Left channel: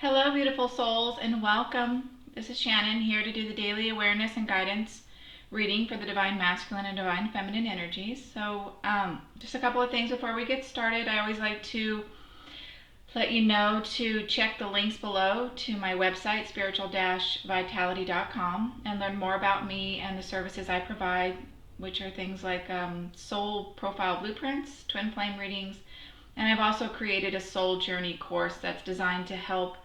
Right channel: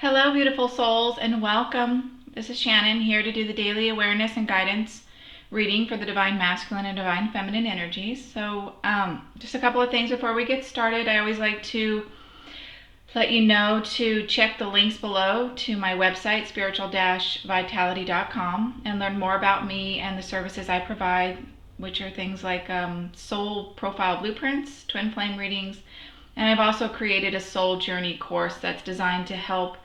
Hello, beautiful souls, and welcome. This is Shannon here to do the daily awareness and guidance reading for the Divine Masculine and Divine Feminine energies. So, just a couple of things before we get started. I always like to let you know to check the links below to my website, spiritual-vitality.com, and learn more about me and the services I provide, which are things like soul profile blueprints, twin flame readings, and I've also created a soul journey course that's designed to help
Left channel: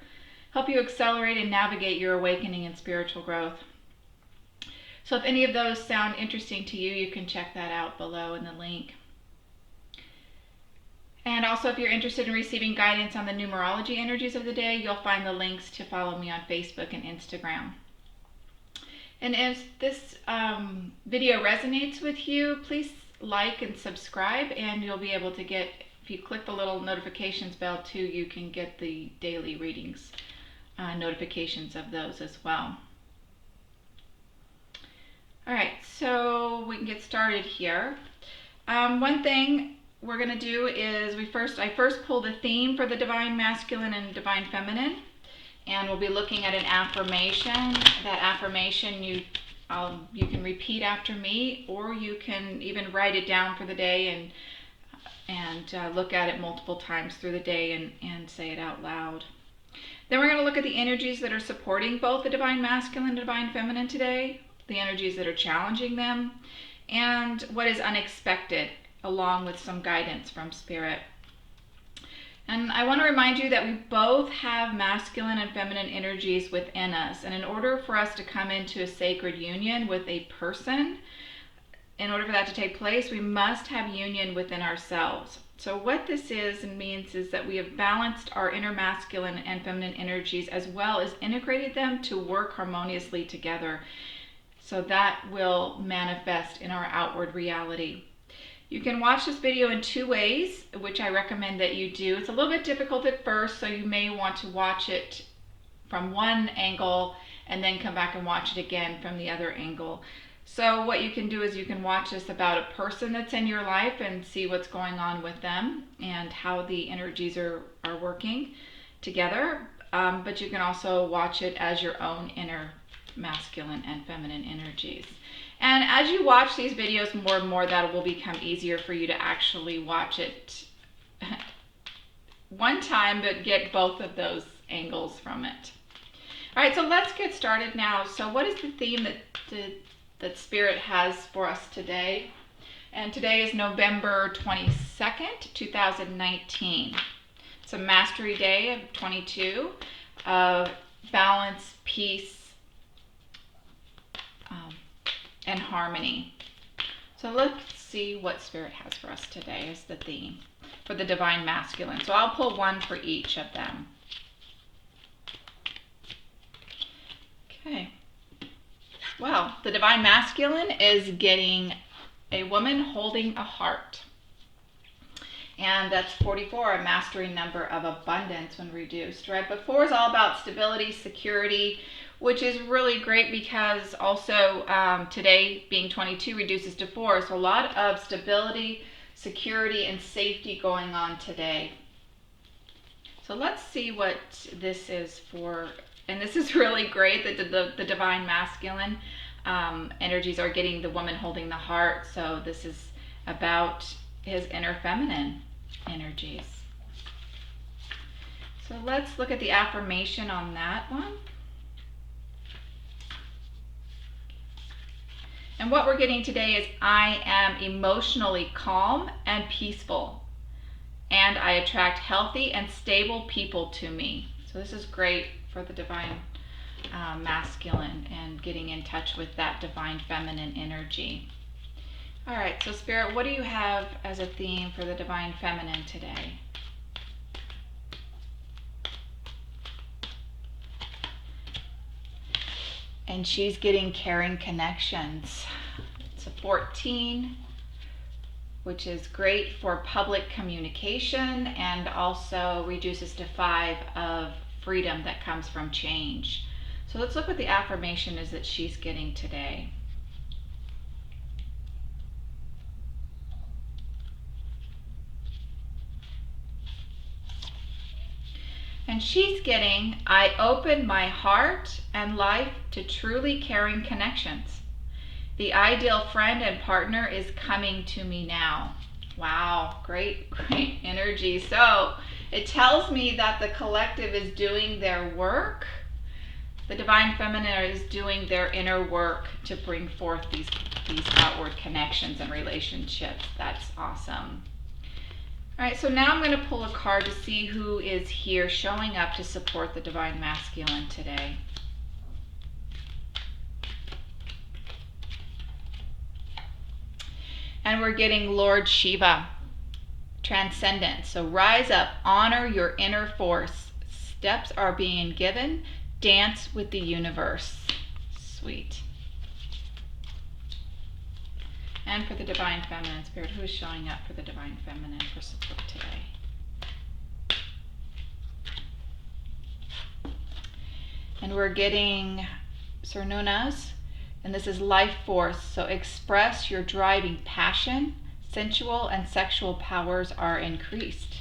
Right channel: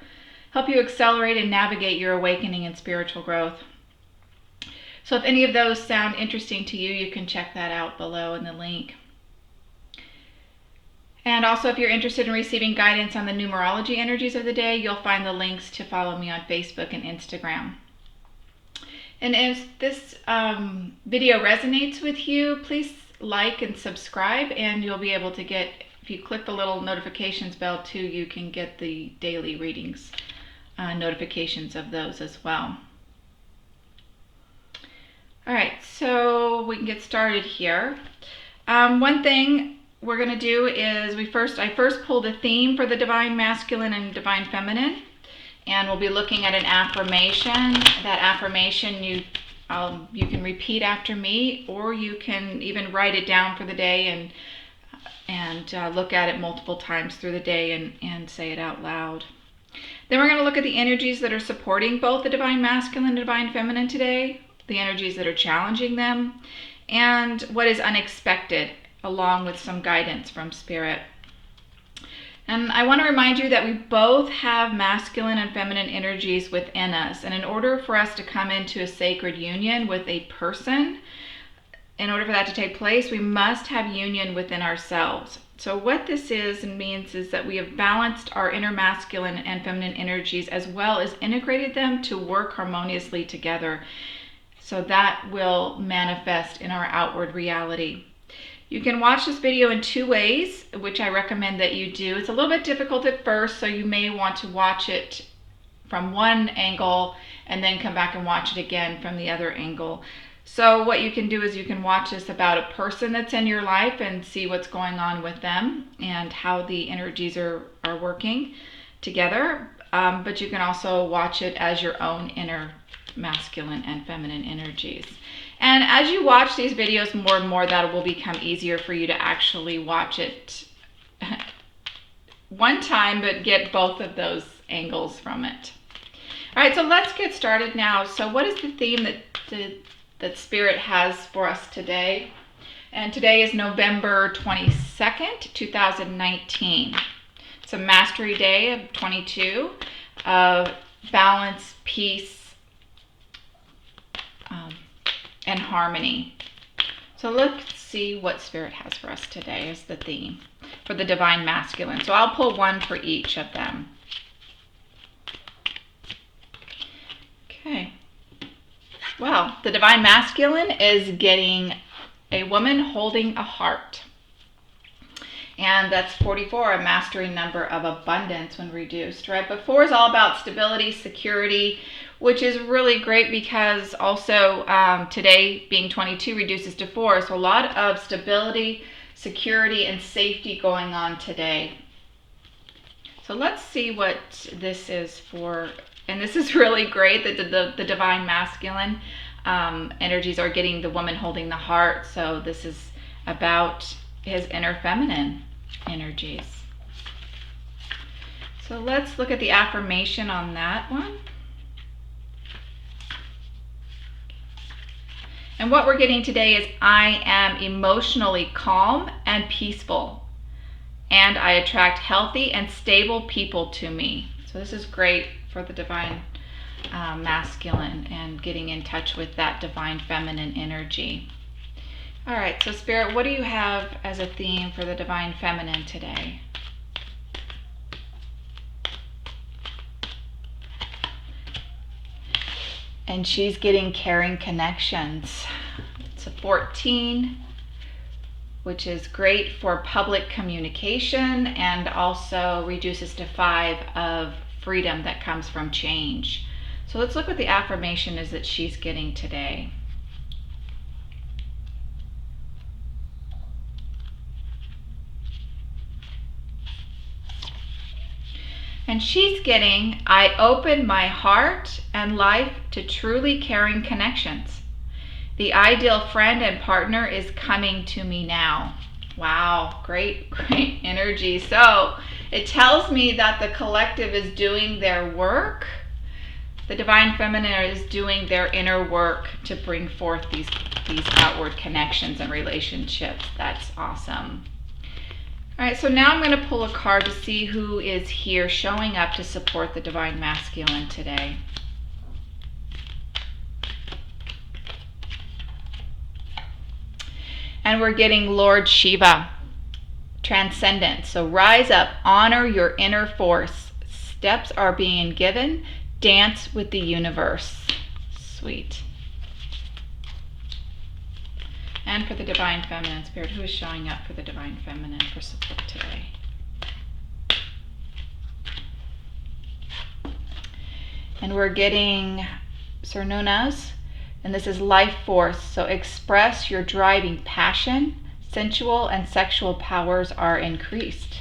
you accelerate and navigate your awakening and spiritual growth. So if any of those sound interesting to you, you can check that out below in the link. And also, if you're interested in receiving guidance on the numerology energies of the day, you'll find the links to follow me on Facebook and Instagram. And if this video resonates with you, please like and subscribe, and you'll be able to get, if you click the little notifications bell too, you can get the daily readings, notifications of those as well. All right, so we can get started here. One thing we're going to do is I first pulled a theme for the Divine Masculine and Divine Feminine, and we'll be looking at an affirmation. That affirmation you can repeat after me, or you can even write it down for the day and look at it multiple times through the day and say it out loud. Then we're going to look at the energies that are supporting both the Divine Masculine and Divine Feminine today, the energies that are challenging them, and what is unexpected, along with some guidance from Spirit. And I want to remind you that we both have masculine and feminine energies within us, and in order for us to come into a sacred union with a person, in order for that to take place, we must have union within ourselves. So what this is and means is that we have balanced our inner masculine and feminine energies, as well as integrated them to work harmoniously together. So that will manifest in our outward reality. You can watch this video in two ways, which I recommend that you do. It's a little bit difficult at first, so you may want to watch it from one angle and then come back and watch it again from the other angle. So what you can do is you can watch this about a person that's in your life and see what's going on with them and how the energies are working together. But you can also watch it as your own inner masculine and feminine energies. And as you watch these videos more and more, that will become easier for you to actually watch it one time, but get both of those angles from it. All right, so let's get started now. So what is the theme that Spirit has for us today? And today is November 22nd, 2019. It's a Mastery Day of 22 of balance, peace, and harmony. So let's see what Spirit has for us today as the theme for the Divine Masculine. So I'll pull one for each of them. Okay. Well, the Divine Masculine is getting a woman holding a heart. And that's 44, a mastery number of abundance when reduced, right? But 4 is all about stability, security, which is really great because also today being 22 reduces to 4. So a lot of stability, security, and safety going on today. So let's see what this is for. And this is really great that the Divine Masculine energies are getting the woman holding the heart. So this is about his inner feminine energies. So let's look at the affirmation on that one. And what we're getting today is, I am emotionally calm and peaceful, and I attract healthy and stable people to me. So this is great for the Divine Masculine and getting in touch with that Divine Feminine energy. All right, so Spirit, what do you have as a theme for the Divine Feminine today? And she's getting caring connections. It's a 14, which is great for public communication, and also reduces to 5 of freedom that comes from change. So let's look what the affirmation is that she's getting today. And she's getting, I open my heart and life to truly caring connections. The ideal friend and partner is coming to me now. Wow, great energy. So it tells me that the collective is doing their work. The Divine Feminine is doing their inner work to bring forth these outward connections and relationships. That's awesome. All right, so now I'm going to pull a card to see who is here showing up to support the Divine Masculine today. And we're getting Lord Shiva, Transcendence. So rise up, honor your inner force. Steps are being given. Dance with the universe. Sweet. And for the Divine Feminine Spirit, who is showing up for the Divine Feminine for support today? And we're getting Cernunas, and this is life force. So express your driving passion. Sensual and sexual powers are increased.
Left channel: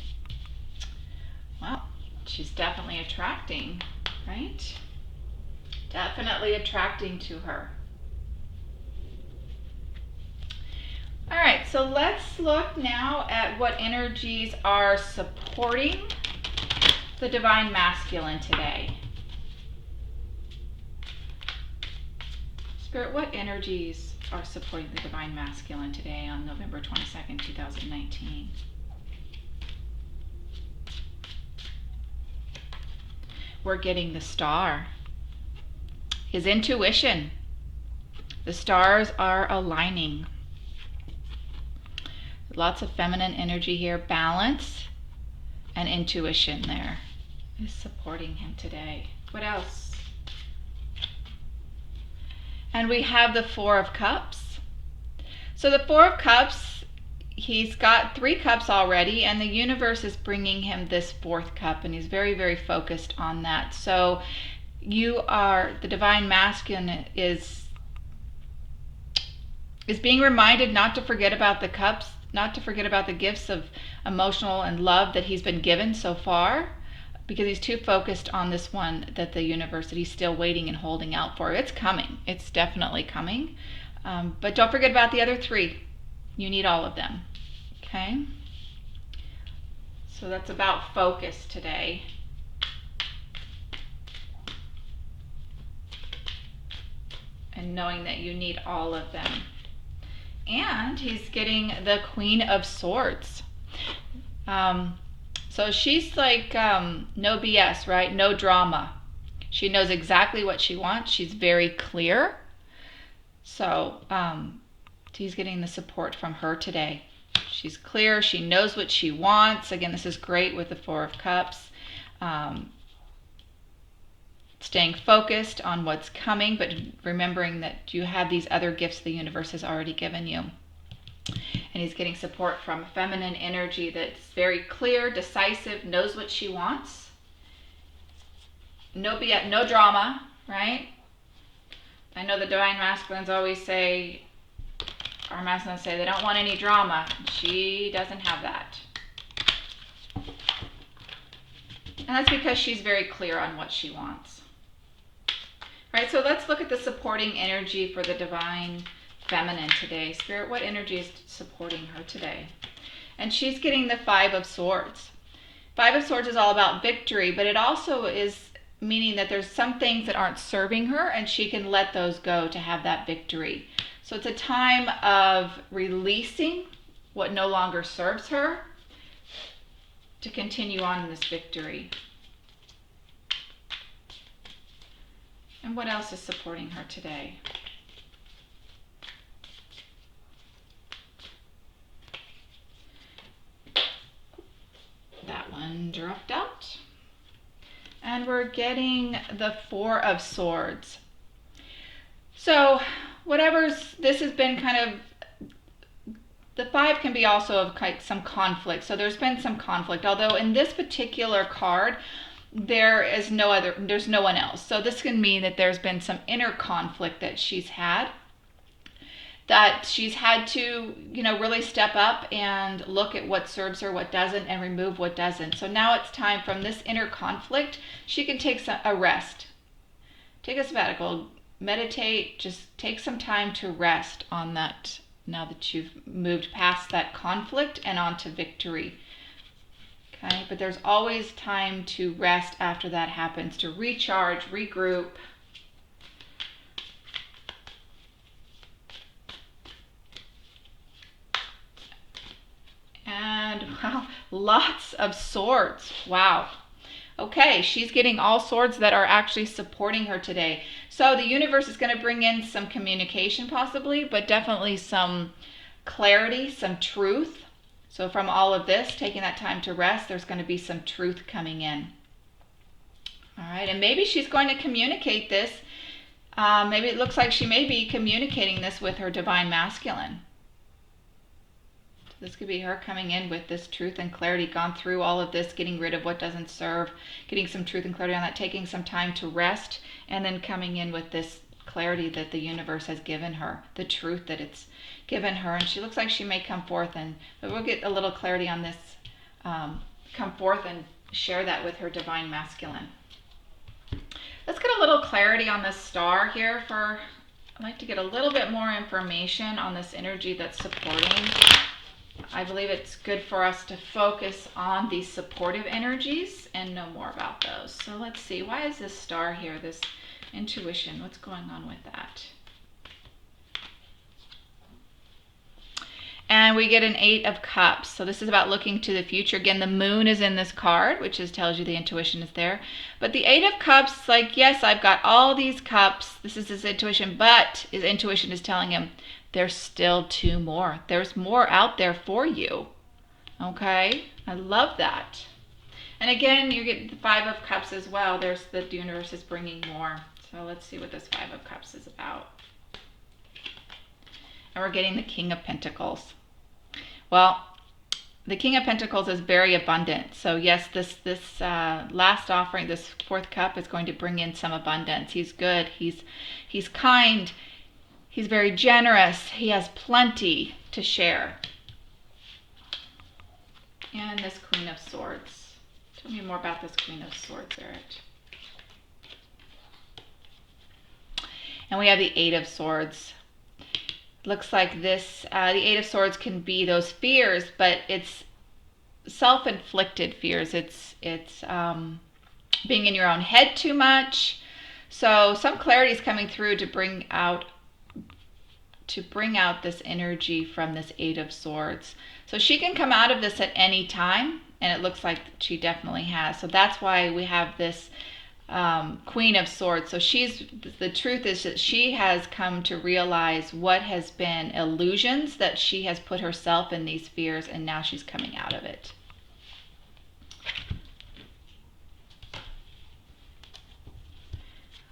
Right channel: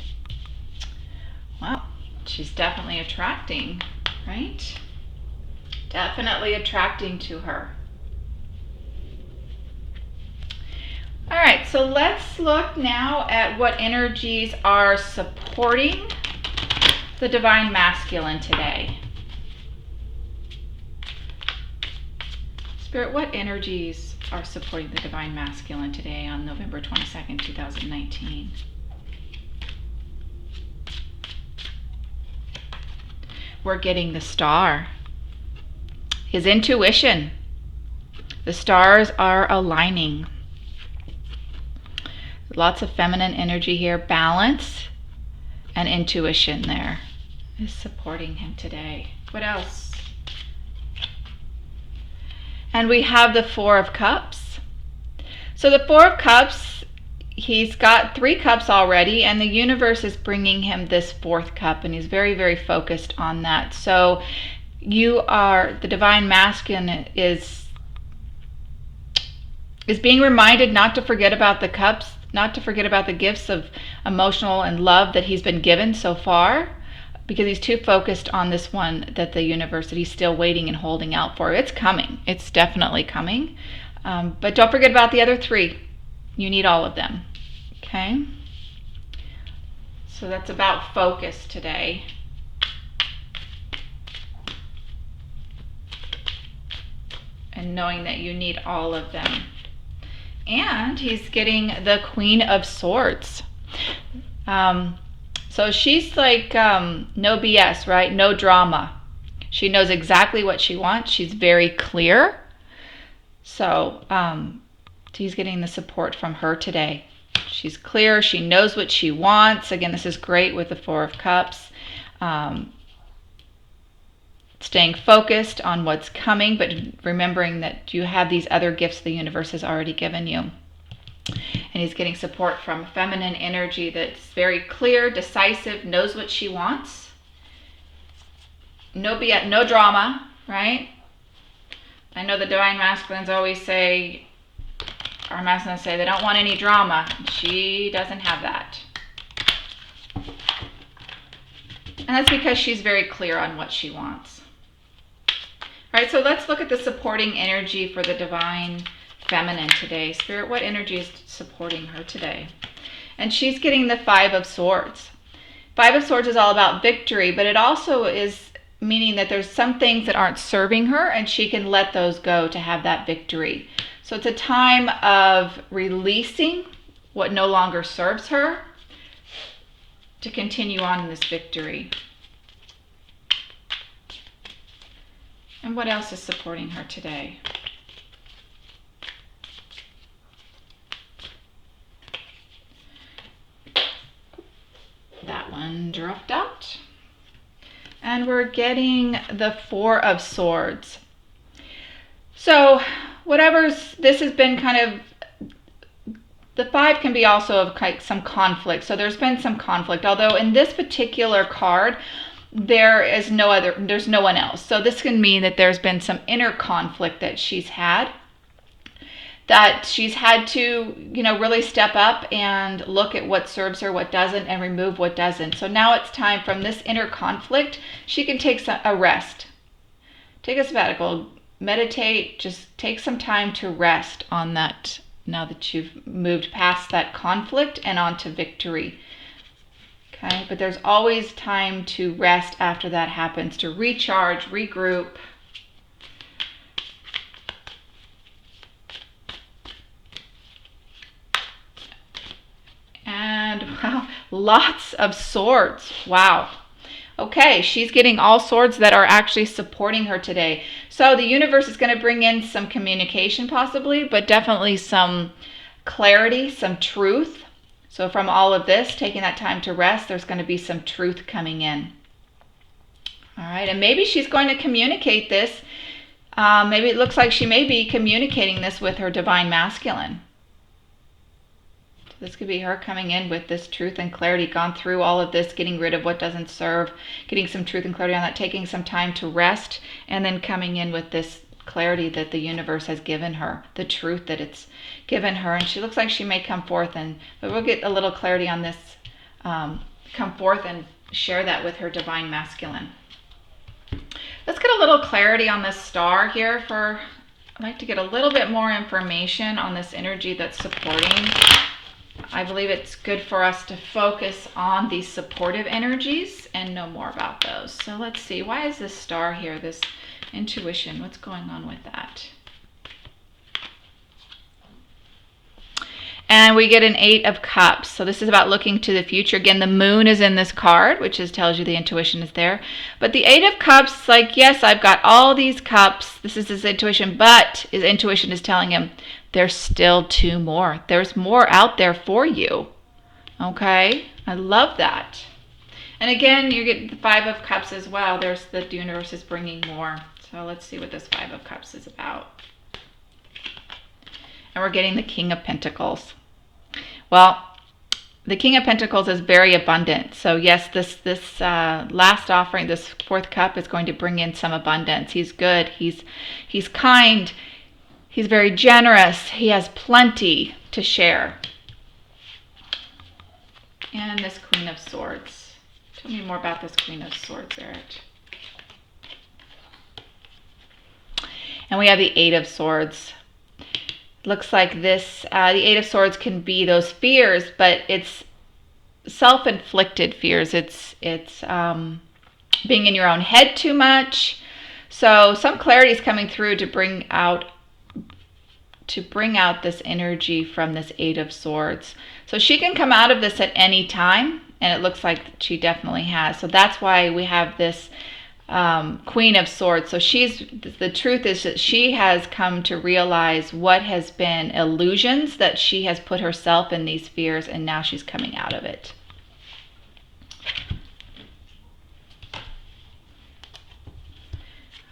Wow, she's definitely attracting, right? Definitely attracting to her. All right, so let's look now at what energies are supporting the Divine Masculine today. Spirit, what energies are supporting the Divine Masculine today on November 22nd, 2019? We're getting the Star. His intuition. The stars are aligning. Lots of feminine energy here. Balance and intuition there is supporting him today. What else? And we have the Four of Cups. So the Four of Cups, he's got 3 cups already, and the universe is bringing him this 4th cup, and he's very, very focused on that. So the Divine Masculine is being reminded not to forget about the cups, not to forget about the gifts of emotional and love that he's been given so far, because he's too focused on this one that the universe, that he's still waiting and holding out for. It's coming. It's definitely coming. But don't forget about the other 3. You need all of them. Okay? So that's about focus today. And knowing that you need all of them. And he's getting the Queen of Swords. So she's like, no BS, right? No drama. She knows exactly what she wants. She's very clear. So he's getting the support from her today. She's clear. She knows what she wants. Again, this is great with the Four of Cups. Staying focused on what's coming, but remembering that you have these other gifts the universe has already given you. And he's getting support from feminine energy that's very clear, decisive, knows what she wants. No drama, right? I know the Divine Masculines always say, our masculines say they don't want any drama. She doesn't have that. And that's because she's very clear on what she wants. All right, so let's look at the supporting energy for the Divine Feminine today. Spirit, what energy is supporting her today? And she's getting the Five of Swords. Five of Swords is all about victory, but it also is meaning that there's some things that aren't serving her, and she can let those go to have that victory. So it's a time of releasing what no longer serves her to continue on in this victory. And what else is supporting her today? That one dropped out. And we're getting the Four of Swords. So this has been kind of, the 5 can be also of some conflict. So there's been some conflict, although in this particular card, there's no one else. So this can mean that there's been some inner conflict that she's had. that she's had to, really step up and look at what serves her, what doesn't, and remove what doesn't. So now it's time from this inner conflict, she can take a rest. Take a sabbatical, meditate, just take some time to rest on that now that you've moved past that conflict and onto victory. Okay, but there's always time to rest after that happens, to recharge, regroup. And wow, lots of swords. Wow. Okay, she's getting all swords that are actually supporting her today. So the universe is going to bring in some communication possibly, but definitely some clarity, some truth. So from all of this, taking that time to rest, there's going to be some truth coming in. All right, and maybe she's going to communicate this. Maybe it looks like she may be communicating this with her divine masculine. This could be her coming in with this truth and clarity, gone through all of this, getting rid of what doesn't serve, getting some truth and clarity on that, taking some time to rest, and then coming in with this clarity that the universe has given her, the truth that it's given her. And she looks like she may come forth, but we'll get a little clarity on this, come forth and share that with her divine masculine. Let's get a little clarity on this star here. I'd like to get a little bit more information on this energy that's supporting. I believe it's good for us to focus on these supportive energies and know more about those. So let's see, why is this star here, this intuition, what's going on with that? And we get an 8 of Cups. So this is about looking to the future. Again, the moon is in this card, which tells you the intuition is there. But the 8 of Cups, like, yes, I've got all these cups. This is his intuition, but his intuition is telling him, there's still 2 more. There's more out there for you. Okay? I love that. And again, you get the 5 of Cups as well. There's the universe is bringing more. So let's see what this 5 of Cups is about. And we're getting the King of Pentacles. Well, the King of Pentacles is very abundant. So yes, this last offering, this 4th cup is going to bring in some abundance. He's good. He's kind. He's very generous. He has plenty to share. And this Queen of Swords. Tell me more about this Queen of Swords, Eric. And we have the 8 of Swords. Looks like this, the 8 of Swords can be those fears, but it's self-inflicted fears. It's being in your own head too much. So some clarity is coming through to bring out this energy from this 8 of Swords. So she can come out of this at any time, and it looks like she definitely has. So that's why we have this Queen of Swords. So the truth is that she has come to realize what has been illusions, that she has put herself in these fears, and now she's coming out of it.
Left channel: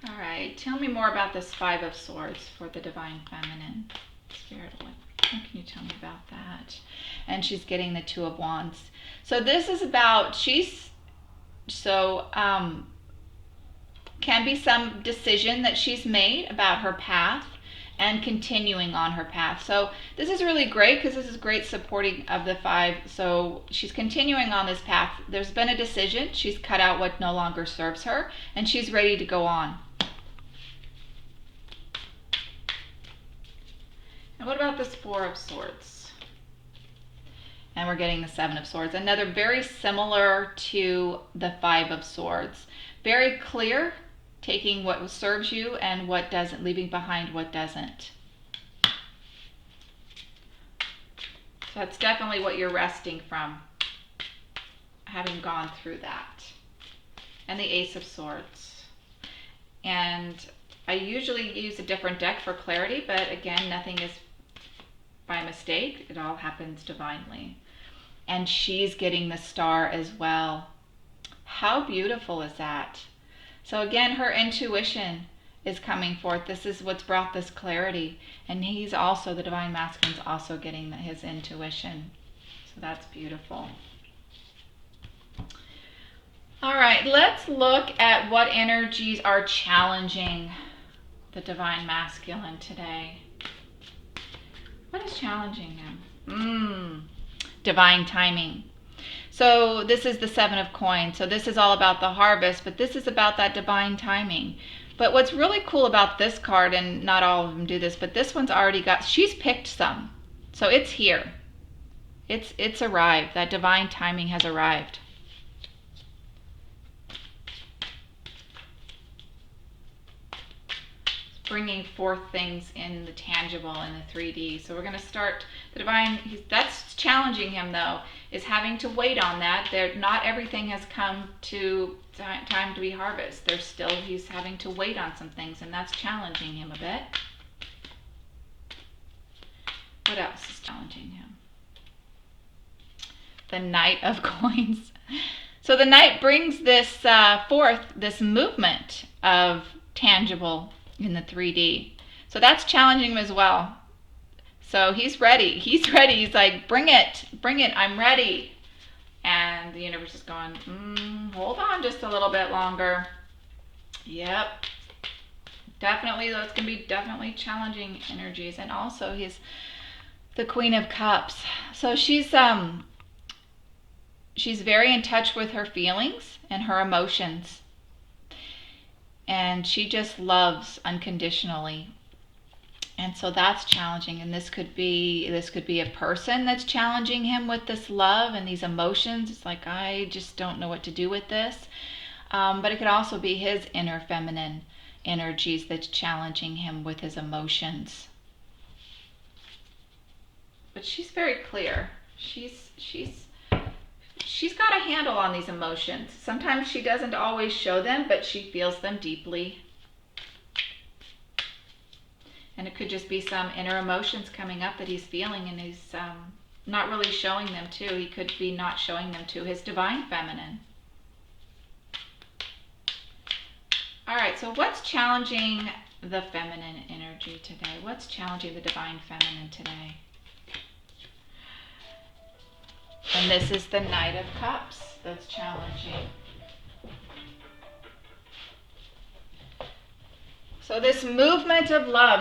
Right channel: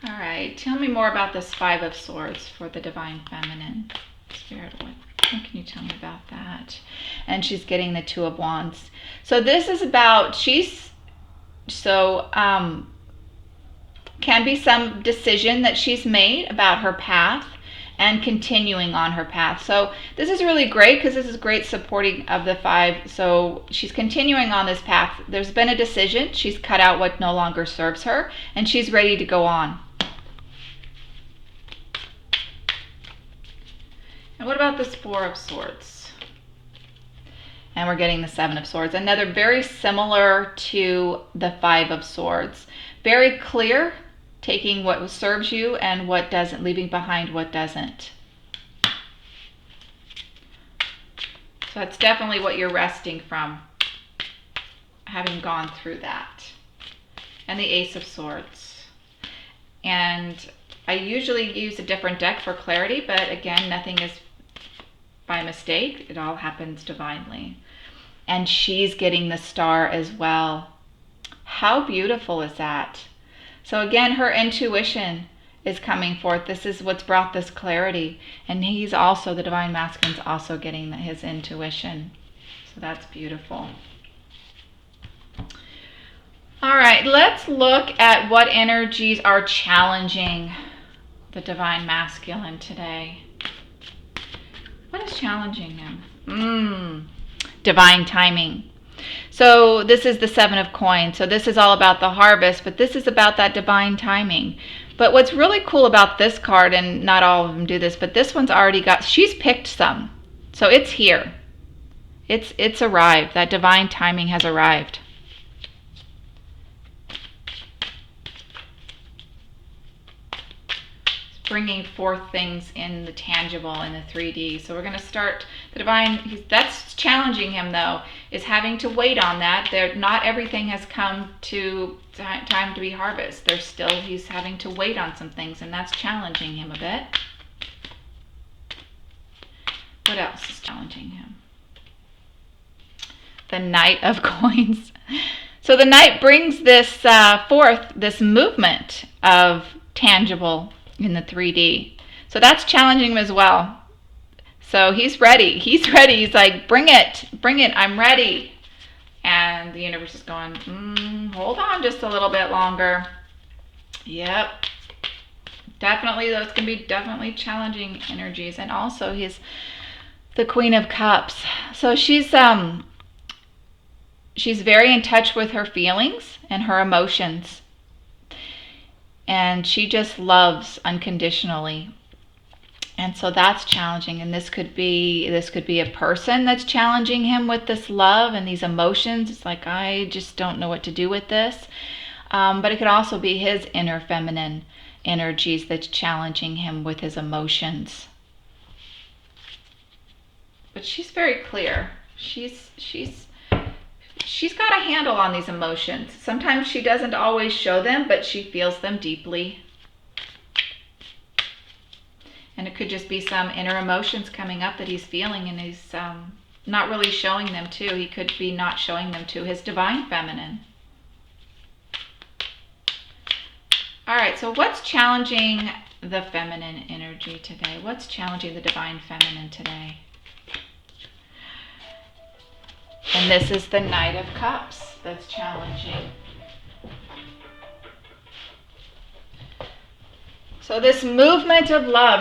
All right, tell me more about this 5 of Swords for the Divine Feminine. Spirit, what can you tell me about that? And she's getting the 2 of Wands. So this is about, can be some decision that she's made about her path and continuing on her path. So this is really great because this is great supporting of the 5. So she's continuing on this path. There's been a decision. She's cut out what no longer serves her, and she's ready to go on. And what about this 4 of Swords? And we're getting the 7 of Swords. Another very similar to the 5 of Swords. Very clear, taking what serves you and what doesn't, leaving behind what doesn't. So it's definitely what you're resting from, having gone through that. And the Ace of Swords. And I usually use a different deck for clarity, but again, nothing is by mistake. It all happens divinely. And she's getting the Star as well. How beautiful is that? So again, her intuition is coming forth. This is what's brought this clarity. And he's also, the Divine Masculine's also getting his intuition. So that's beautiful. All right, let's look at what energies are challenging the Divine Masculine today. What is challenging him? Divine timing. So this is the 7 of coins. So this is all about the harvest, but this is about that divine timing. But what's really cool about this card, and not all of them do this, but this one's already got, she's picked some. So it's here. It's arrived. That divine timing has arrived. Bringing forth things in the tangible, in the 3D. So we're going to start the divine. That's challenging him, though, is having to wait on that. Not everything has come to time to be harvest. He's having to wait on some things, and that's challenging him a bit. What else is challenging him? The Knight of Coins. So the Knight brings this forth, this movement of tangible in the 3D. So that's challenging him as well. So he's ready. He's like, bring it, I'm ready. And the universe is going, hold on just a little bit longer. Yep. Definitely, those can be definitely challenging energies. And also he's the Queen of Cups. So she's very in touch with her feelings and her emotions. And she just loves unconditionally. And so that's challenging. And this could be a person that's challenging him with this love and these emotions. It's like, I just don't know what to do with this. But it could also be his inner feminine energies that's challenging him with his emotions. But she's very clear. She's got a handle on these emotions. Sometimes she doesn't always show them, but she feels them deeply. And it could just be some inner emotions coming up that he's feeling, and he's not really showing them to. He could be not showing them to his divine feminine. All right, so what's challenging the feminine energy today? What's challenging the divine feminine today? And this is the Knight of Cups that's challenging. So this movement of love,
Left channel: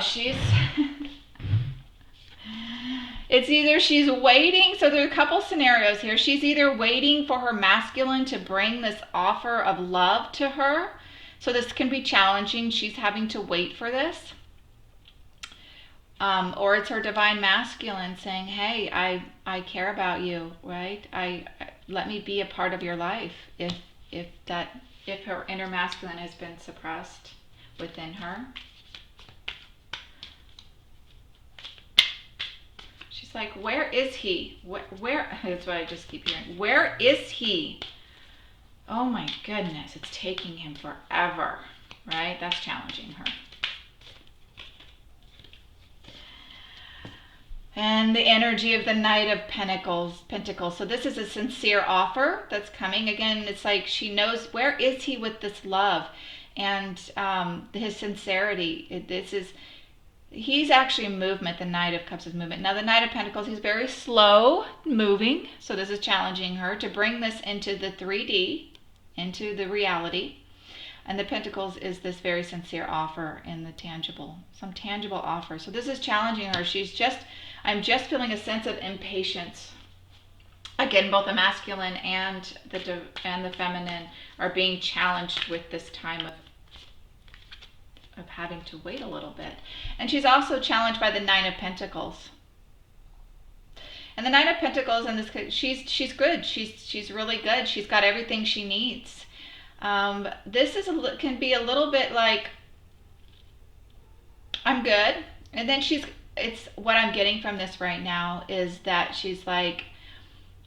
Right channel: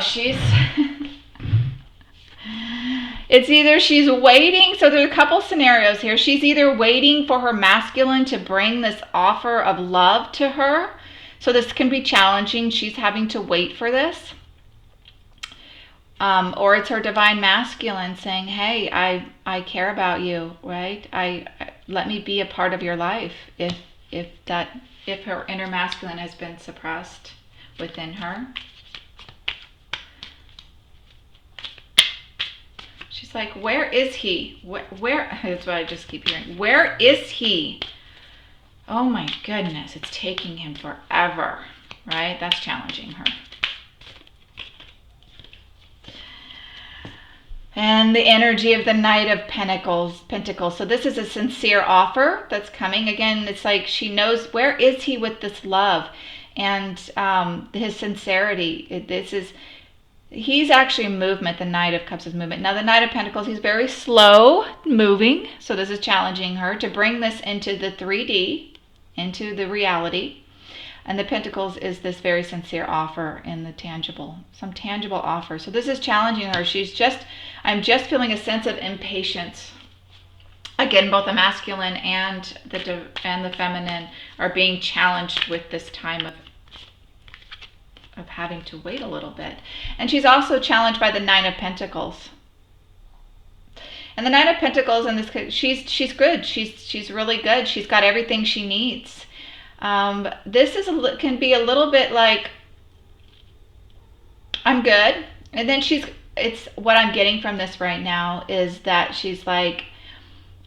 it's either she's waiting, so there's a couple scenarios here. She's either waiting for her masculine to bring this offer of love to her. So this can be challenging. She's having to wait for this. Or it's her divine masculine saying, hey, I care about you, right? Let me be a part of your life if her inner masculine has been suppressed within her. She's like, where is he? Where that's what I just keep hearing. Where is he? Oh my goodness, it's taking him forever, right? That's challenging her. And the energy of the Knight of Pentacles. So this is a sincere offer that's coming. Again, it's like she knows, where is he with this love and his sincerity. He's actually a movement. The Knight of Cups is movement. Now the Knight of Pentacles, he's very slow moving. So this is challenging her to bring this into the 3D, into the reality. And the Pentacles is this very sincere offer in the tangible, some tangible offer. So this is challenging her. I'm just feeling a sense of impatience. Again, both the masculine and the feminine are being challenged with this time of having to wait a little bit. And she's also challenged by the Nine of Pentacles. And the Nine of Pentacles in this case, she's good. She's really good. She's got everything she needs. This can be a little bit like, I'm good. And then it's what I'm getting from this right now is that she's like,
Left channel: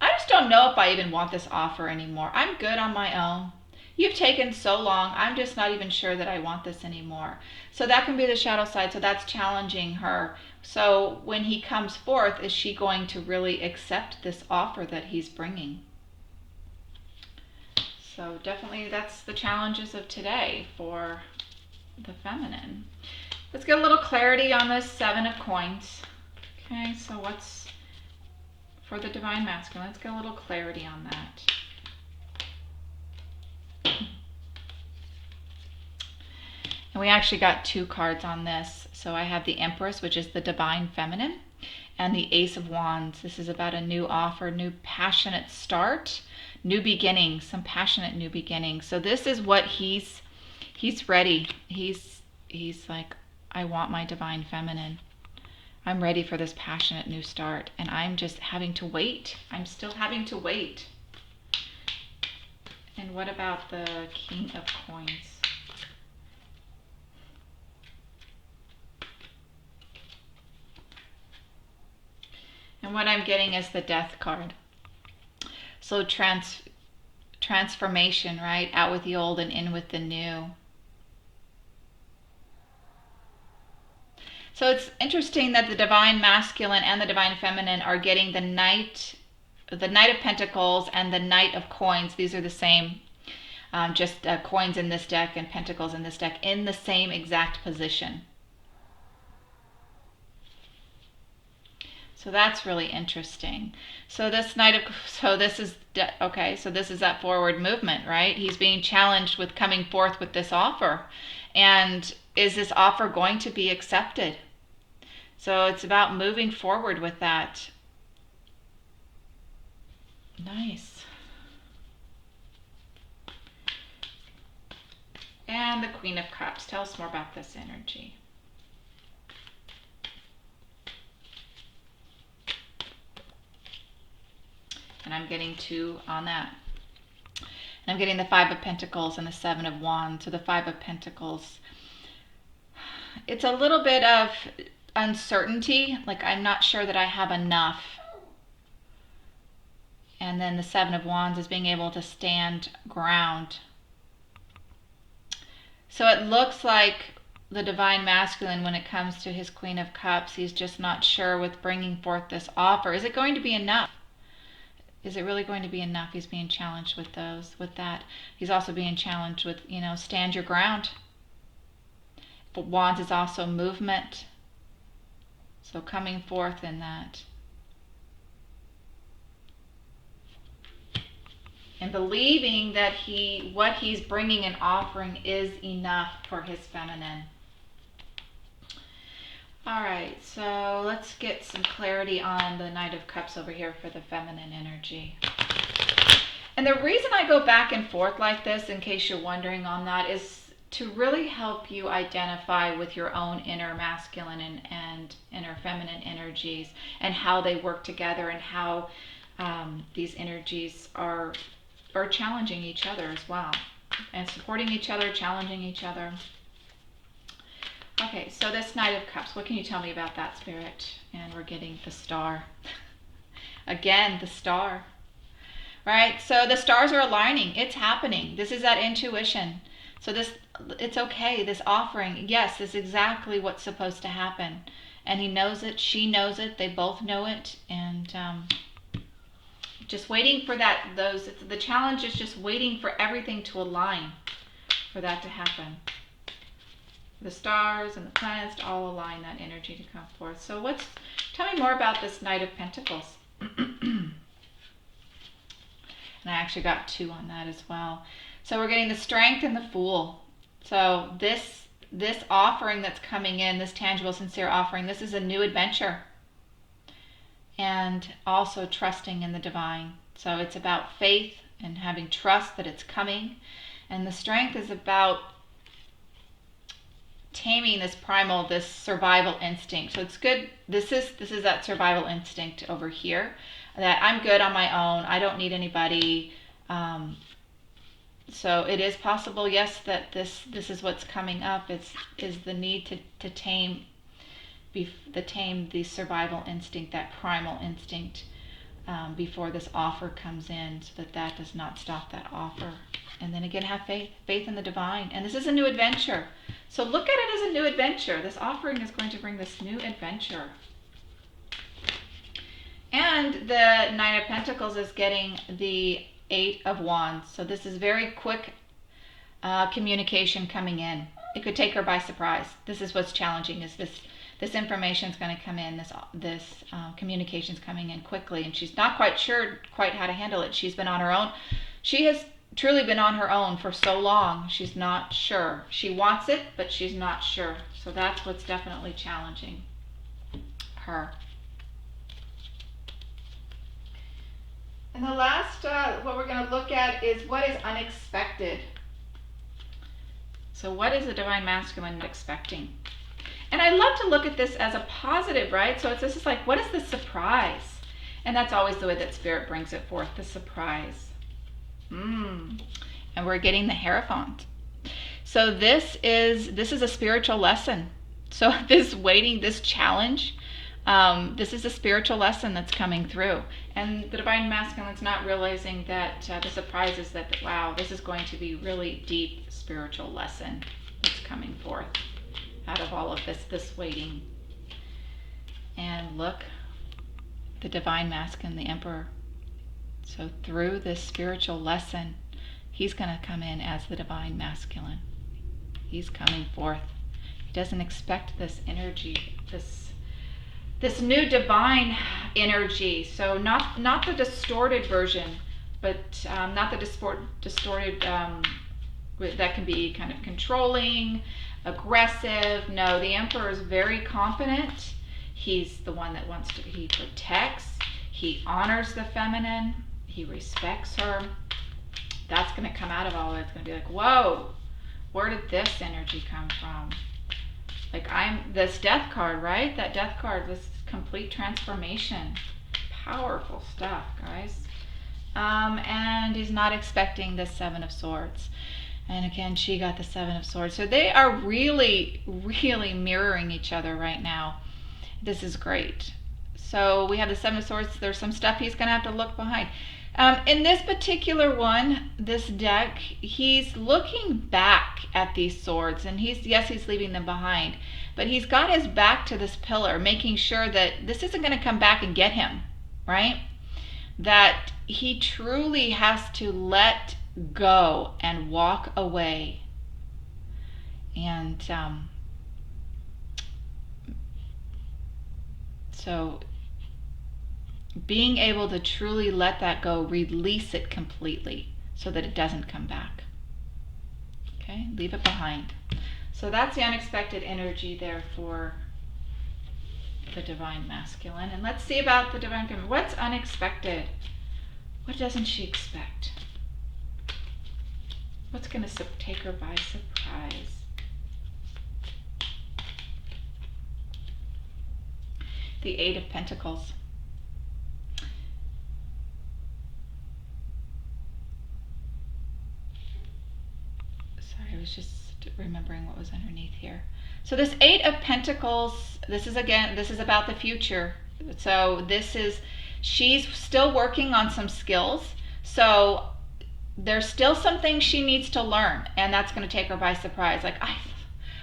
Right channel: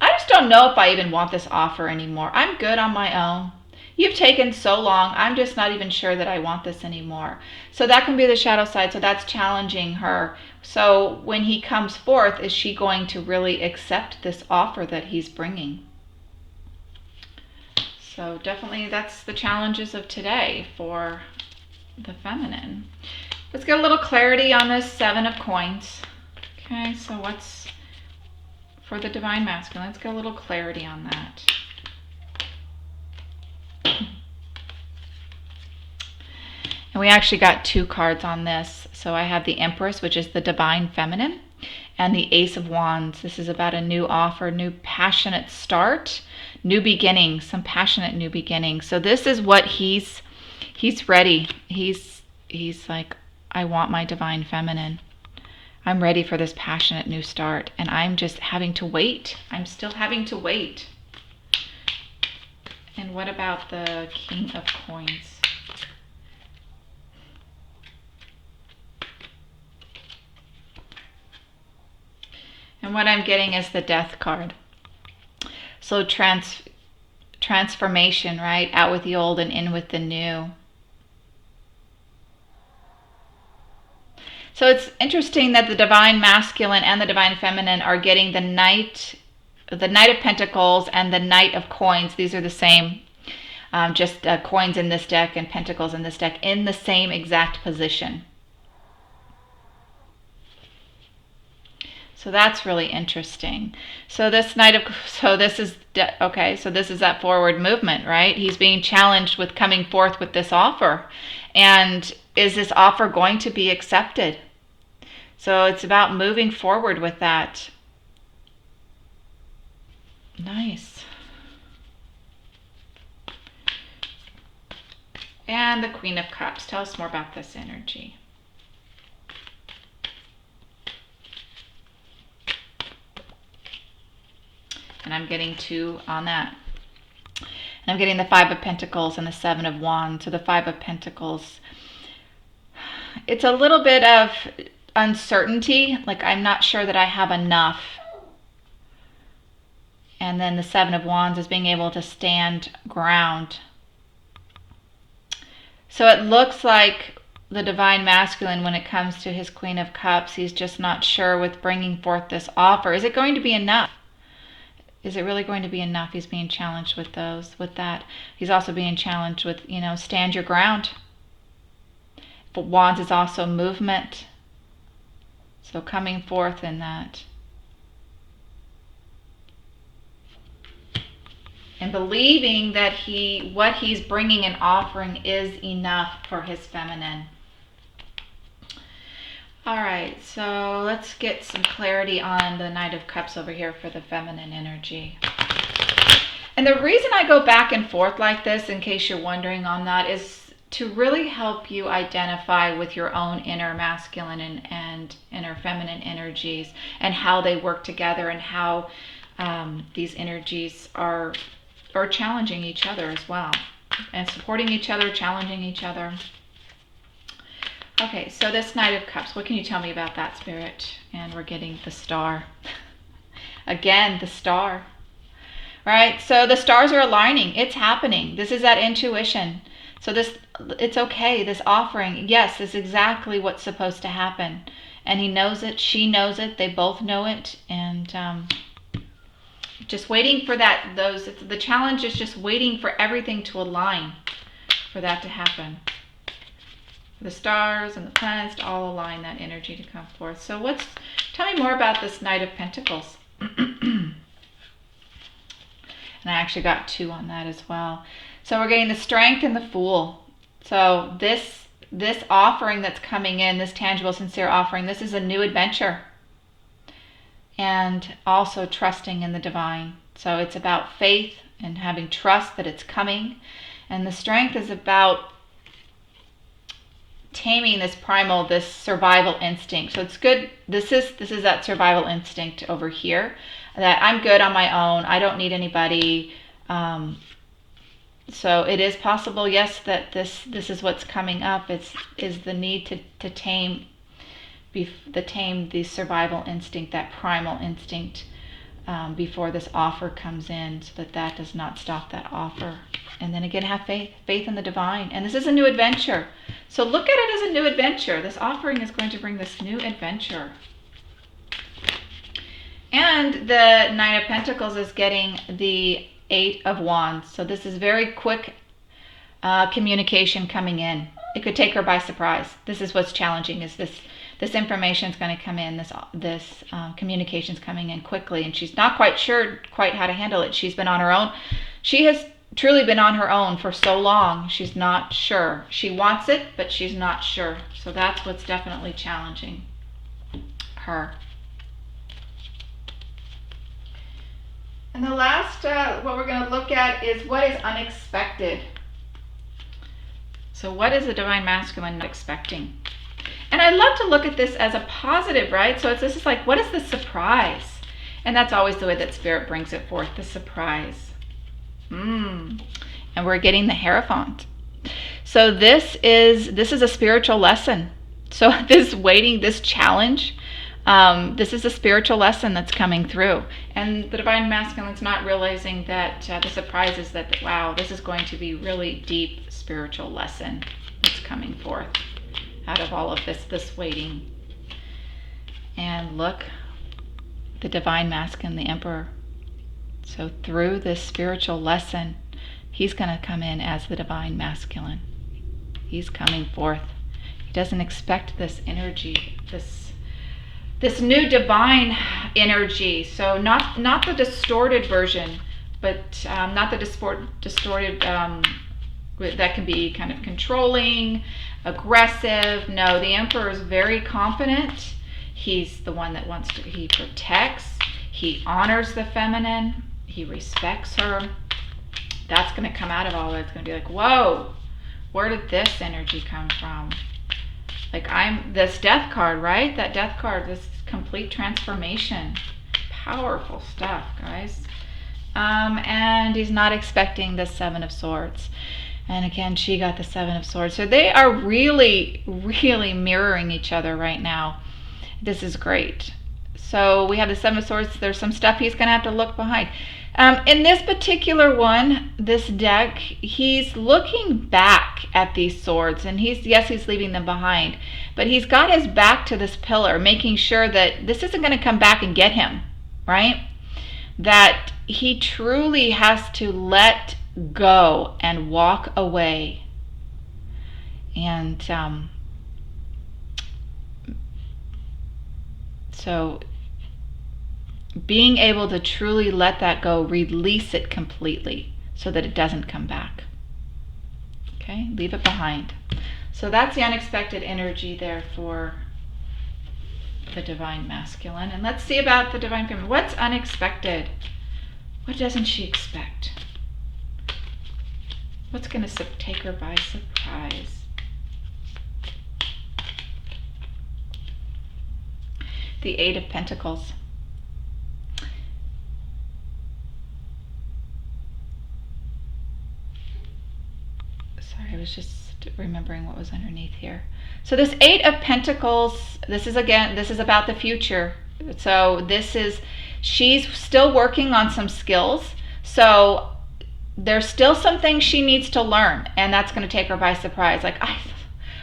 I just don't know if I even want this offer anymore. I'm good on my own. You've taken so long. I'm just not even sure that I want this anymore. So that can be the shadow side. So that's challenging her. So when he comes forth, is she going to really accept this offer that he's bringing? So definitely that's the challenges of today for the feminine. Let's get a little clarity on this Seven of Coins. Okay, so what's for the divine masculine? Let's get a little clarity on that. And we actually got two cards on this. So I have the Empress, which is the divine feminine, and the Ace of Wands. This is about a new offer, new passionate start, new beginnings, some passionate new beginnings. So this is what he's ready. He's like, I want my divine feminine. I'm ready for this passionate new start, and I'm just having to wait. I'm still having to wait. And what about the King of Coins? And what I'm getting is the Death card. So transformation, right? Out with the old and in with the new. So it's interesting that the divine masculine and the divine feminine are getting the Knight of Pentacles and the Knight of Coins. These are the same, just coins in this deck and pentacles in this deck in the same exact position. So that's really interesting. So this this is that forward movement, right? He's being challenged with coming forth with this offer. And is this offer going to be accepted? So it's about moving forward with that. Nice. And the Queen of Cups. Tell us more about this energy. And I'm getting 2 on that. And I'm getting the 5 of Pentacles and the 7 of Wands. So the 5 of Pentacles, it's a little bit of uncertainty, like I'm not sure that I have enough. And then the 7 of Wands is being able to stand ground. So it looks like the divine masculine, when it comes to his Queen of Cups, he's just not sure with bringing forth this offer. Is it going to be enough? Is it really going to be enough? He's being challenged with that. He's also being challenged with, stand your ground. But Wands is also movement. So coming forth in that. And believing that what he's bringing and offering is enough for his feminine. All right, so let's get some clarity on the Knight of Cups over here for the feminine energy. And the reason I go back and forth like this, in case you're wondering on that, is to really help you identify with your own inner masculine and inner feminine energies and how they work together and how these energies are challenging each other as well, and supporting each other, challenging each other. Okay, so this Knight of Cups, what can you tell me about that, Spirit? And we're getting the Star. Again, the Star. Right? So the stars are aligning. It's happening. This is that intuition. So it's okay. This offering, yes, is exactly what's supposed to happen. And he knows it. She knows it. They both know it. And just waiting for that. The challenge is just waiting for everything to align for that to happen. The stars and the planets to all align that energy to come forth. So tell me more about this Knight of Pentacles. And I actually got 2 on that as well. So we're getting the Strength and the Fool. So this offering that's coming in, this tangible, sincere offering, this is a new adventure. And also trusting in the divine. So it's about faith and having trust that it's coming. And the Strength is about taming this primal, this survival instinct. So it's good. This is that survival instinct over here, that I'm good on my own. I don't need anybody. So it is possible, yes, that this is what's coming up. Is the need to tame the survival instinct, that primal instinct, before this offer comes in, so that does not stop that offer. And then again, have faith in the divine. And this is a new adventure. So look at it as a new adventure. This offering is going to bring this new adventure. And the Knight of Pentacles is getting the 8 of Wands. So this is very quick communication coming in. It could take her by surprise. This is what's challenging, is this information is going to come in, this communication is coming in quickly, and she's not quite sure how to handle it. She's been on her own. She has truly been on her own for so long. She's not sure. She wants it, but she's not sure. So that's what's definitely challenging her. And the last, what we're going to look at is what is unexpected. So what is the Divine Masculine not expecting? And I love to look at this as a positive, right? So this is like, what is the surprise? And that's always the way that Spirit brings it forth, the surprise. And we're getting the Hierophant. So this is a spiritual lesson. So this waiting, this challenge, this is a spiritual lesson that's coming through. And the Divine Masculine's not realizing that the surprise is that, wow, this is going to be really deep spiritual lesson that's coming forth out of all of this waiting. And look, the Divine Masculine, the Emperor. So through this spiritual lesson, he's going to come in as the Divine Masculine. He's coming forth. He doesn't expect this energy, this new divine energy. So not the distorted version, but not the distorted that can be kind of controlling, aggressive. No, the Emperor is very confident. He's the one that he protects, he honors the feminine, he respects her. That's going to come out of all of it. It's going to be like, whoa, where did this energy come from? Like this Death card, right? That Death card, this complete transformation. Powerful stuff, guys. And he's not expecting the Seven of Swords. And again, she got the Seven of Swords. So they are really, really mirroring each other right now. This is great. So we have the Seven of Swords. There's some stuff he's going to have to look behind. In this particular one, this deck, he's looking back at these swords, and he's leaving them behind, but he's got his back to this pillar, making sure that this isn't going to come back and get him, right? That he truly has to let go and walk away. And so being able to truly let that go, release it completely so that it doesn't come back. Okay, leave it behind. So that's the unexpected energy there for the Divine Masculine. And let's see about the Divine Feminine. What's unexpected? What doesn't she expect? What's going to take her by surprise? The Eight of Pentacles. I was just remembering what was underneath here. So this Eight of Pentacles, this is about the future. So she's still working on some skills. So there's still some things she needs to learn, and that's going to take her by surprise. Like,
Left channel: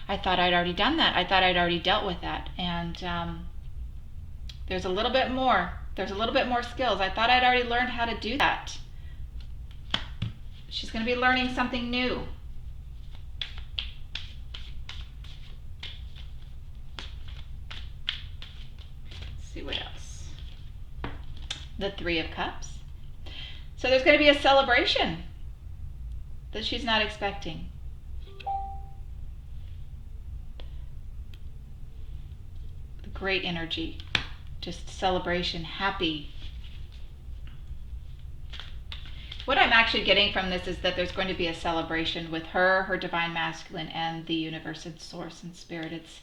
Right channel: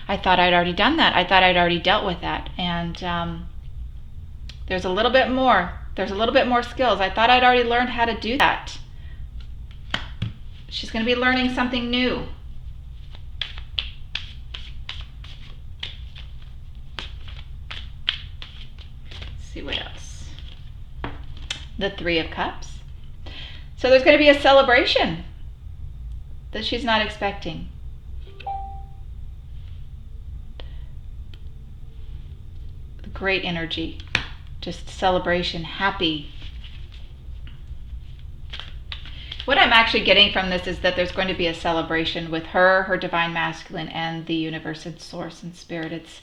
I thought I'd already done that. I thought I'd already dealt with that. And there's a little bit more. There's a little bit more skills. I thought I'd already learned how to do that. She's going to be learning something new. See what else. The Three of Cups. So there's going to be a celebration that she's not expecting. Great energy, just celebration, happy. What I'm actually getting from this is that there's going to be a celebration with her Divine Masculine, and the universe and source and spirit. It's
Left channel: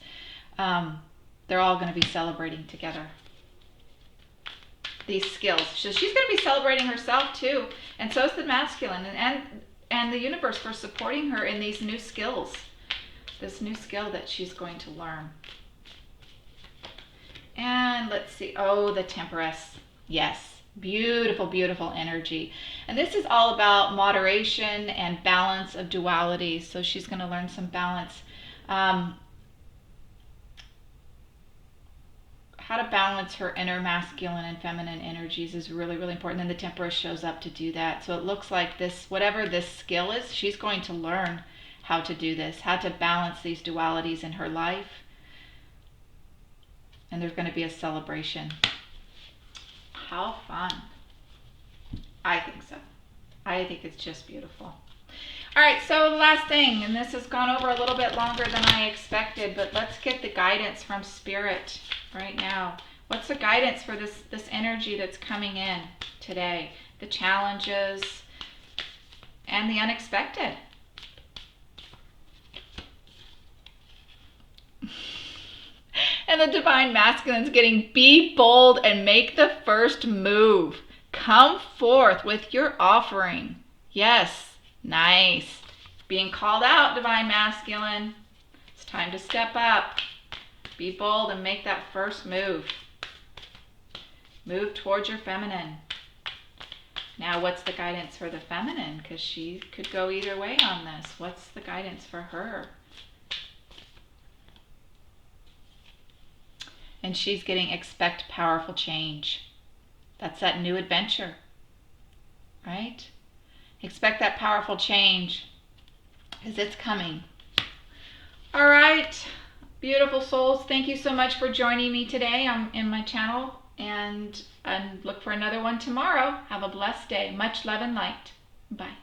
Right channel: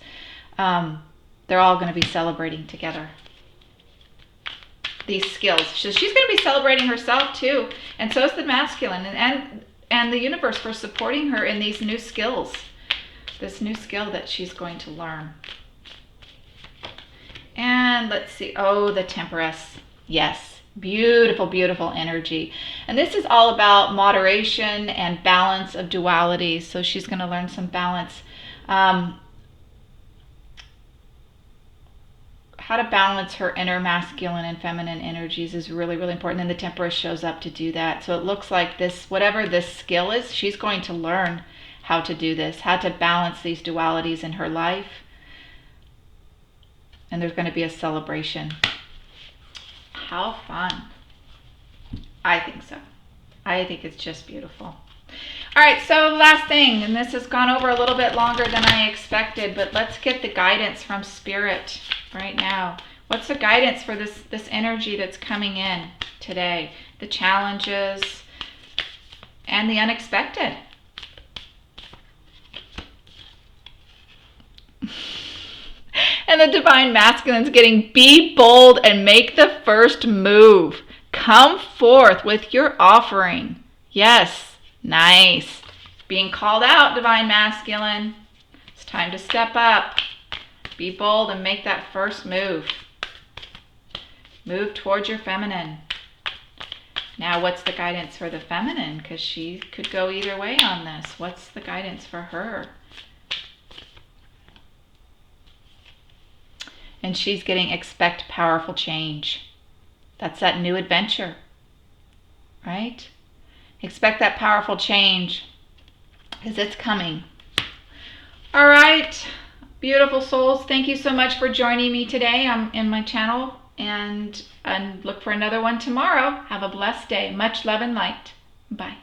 they're all going to be celebrating together these skills. So she's going to be celebrating herself too, and so is the masculine, and the universe for supporting her in these new skills, this new skill that she's going to learn. And let's see, the Temperance. Yes, beautiful, beautiful energy. And this is all about moderation and balance of duality. So she's going to learn some balance. How to balance her inner masculine and feminine energies is really, really important. And the Temperance shows up to do that. So it looks like this, whatever this skill is, she's going to learn how to do this, how to balance these dualities in her life. And there's going to be a celebration. How fun. I think so. I think it's just beautiful. All right, so last thing, and this has gone over a little bit longer than I expected, but let's get the guidance from Spirit right now. What's the guidance for this energy that's coming in today? the challenges, and the unexpected. And the Divine Masculine's getting, be bold and make the first move. Come forth with your offering. Yes, nice. Being called out, Divine Masculine. It's time to step up. Be bold and make that first move. Move towards your feminine. Now, what's the guidance for the feminine? Because she could go either way on this. What's the guidance for her? And she's getting, expect powerful change. That's that new adventure, right? Expect that powerful change because it's coming. All right, beautiful souls. Thank you so much for joining me today in my channel, and look for another one tomorrow. Have a blessed day. Much love and light. Bye.